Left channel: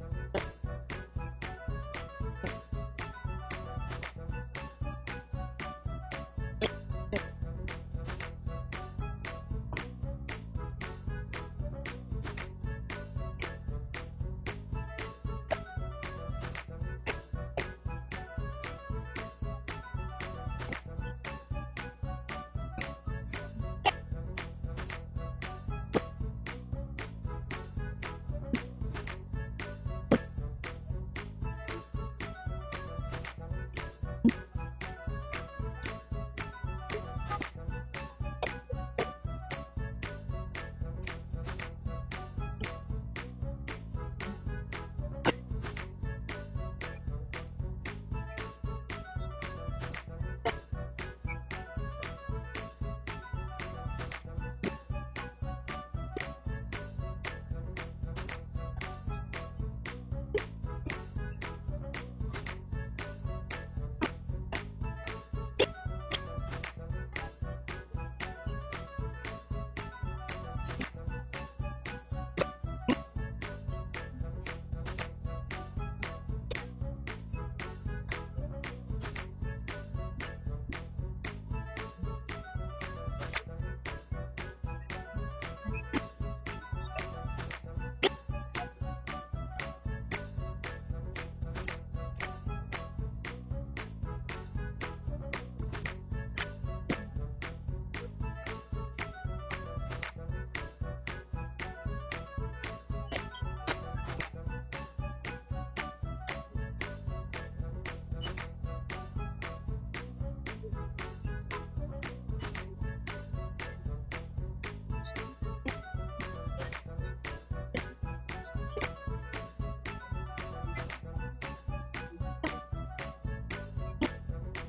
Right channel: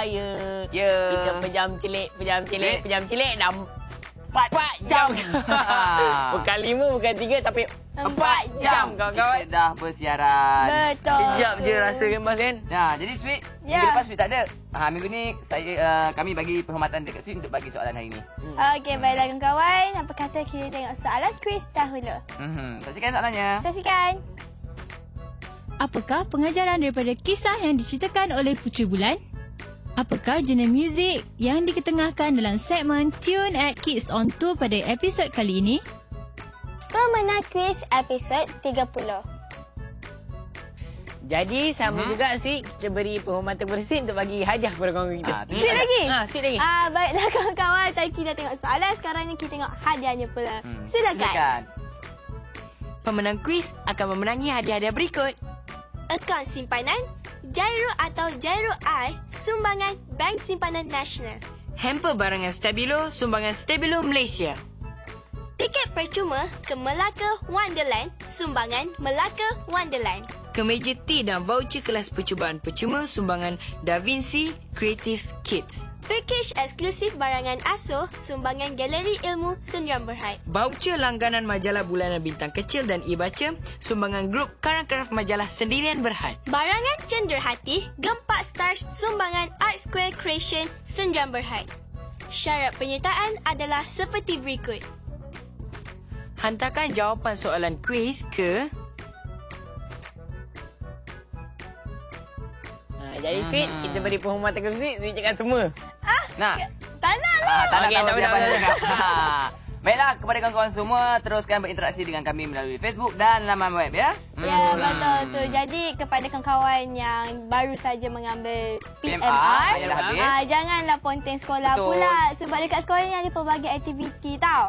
saya. Ya. Kita pejam celik dah 4 jam. Bukan 5, bukan 3 tapi 4 jam kawan-kawan. Kita dah bersiaran. Betul. Kejap je rasa kan Bas kan? Nah, jadi Sweet, Ya. minggu lepas Sweet tak ada. Minggu ni kami bagi penghormatan dekat Sweet untuk bagi soalan hari ni. Okey, baiklah kawan-kawan. Apa kata kita tengok soalan kuis dahulu. Saksikan soalannya. Saksikan. Apakah pengajaran daripada kisah yang diceritakan oleh Puteri Bulan? Apakah genre muzik yang diketengahkan dalam segmen Tune at Kids on Tour pada episod kali ini? Pemenang kuis episod 30. Jadi sama juga Sweet, kita beri penghormatan kepada Sweet untuk bagi hadiah kepada kawan kita. Sweet lagi? Sweet lagi. Baiklah kawan-kawan. Tadi kita tengok soalan, sekarang ni kita tengok hadiahnya pula. Silakan. Pemenang kuis akan memenangi hadiah-hadiah berikut. Akaun simpanan, Giro atau Giro I, sumbangan Bank Simpanan Nasional. Hamper barangan Stabilo, sumbangan Stabilo Malaysia. Tiket percuma ke Melaka Wonderland, sumbangan Melaka Wonderland. Kemeja tea dan voucher kelas percubaan percuma, sumbangan Da Vinci Creative Kids. Package eksklusif barangan ASO, sumbangan Galeri Ilmu Sendirian Berhad. Voucher langganan majalah bulanan Bintang Kecil dan e-baca, sumbangan grup Karang-Karaf majalah Sendirian Berhad. Barangan cenderhati, Gempak Stars, sumbangan Art Square Creation Sendirian Berhad. Syarat penyertaan adalah seperti berikut. Hantarkan jawapan soalan kuis ke Jadi Sweet, kita beri penghormatan kepada Sweet, Sweet cakap semua. Nah. Tak nak lah. Tak nak Okey, tahu tak siapa apa, yang tak cakap. Baiklah, kepada kawan-kawan semua, teruskan berinteraksi dengan kami melalui Facebook dan laman web ya. Ya, betul tu. Jadi kepada kawan-kawan yang baru saja mengambil PMR, yang dah habis. janganlah ponteng sekolah Betul. pula. Sebab dekat sekolah ni ada pelbagai aktiviti tau.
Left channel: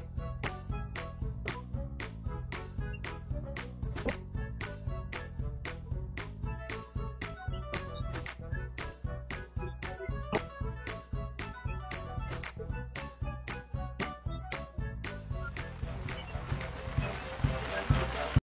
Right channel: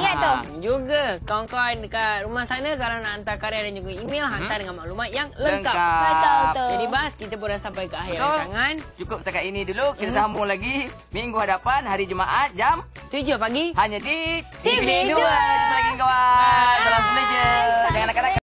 Ingat tu. Juga kawan-kawan dekat rumah sana kalau nak hantar karya dan juga email, hantar dengan maklumat yang lengkap. Betul tu. Jadi Bas, kita pun dah sampai ke akhir Betul. rancangan. Cukup setakat ini dulu. Kita sambung lagi minggu hadapan hari Jumaat jam 7 pagi. hanya di TV2. Jumpa lagi kawan. Salam Malaysia. Jangan nakal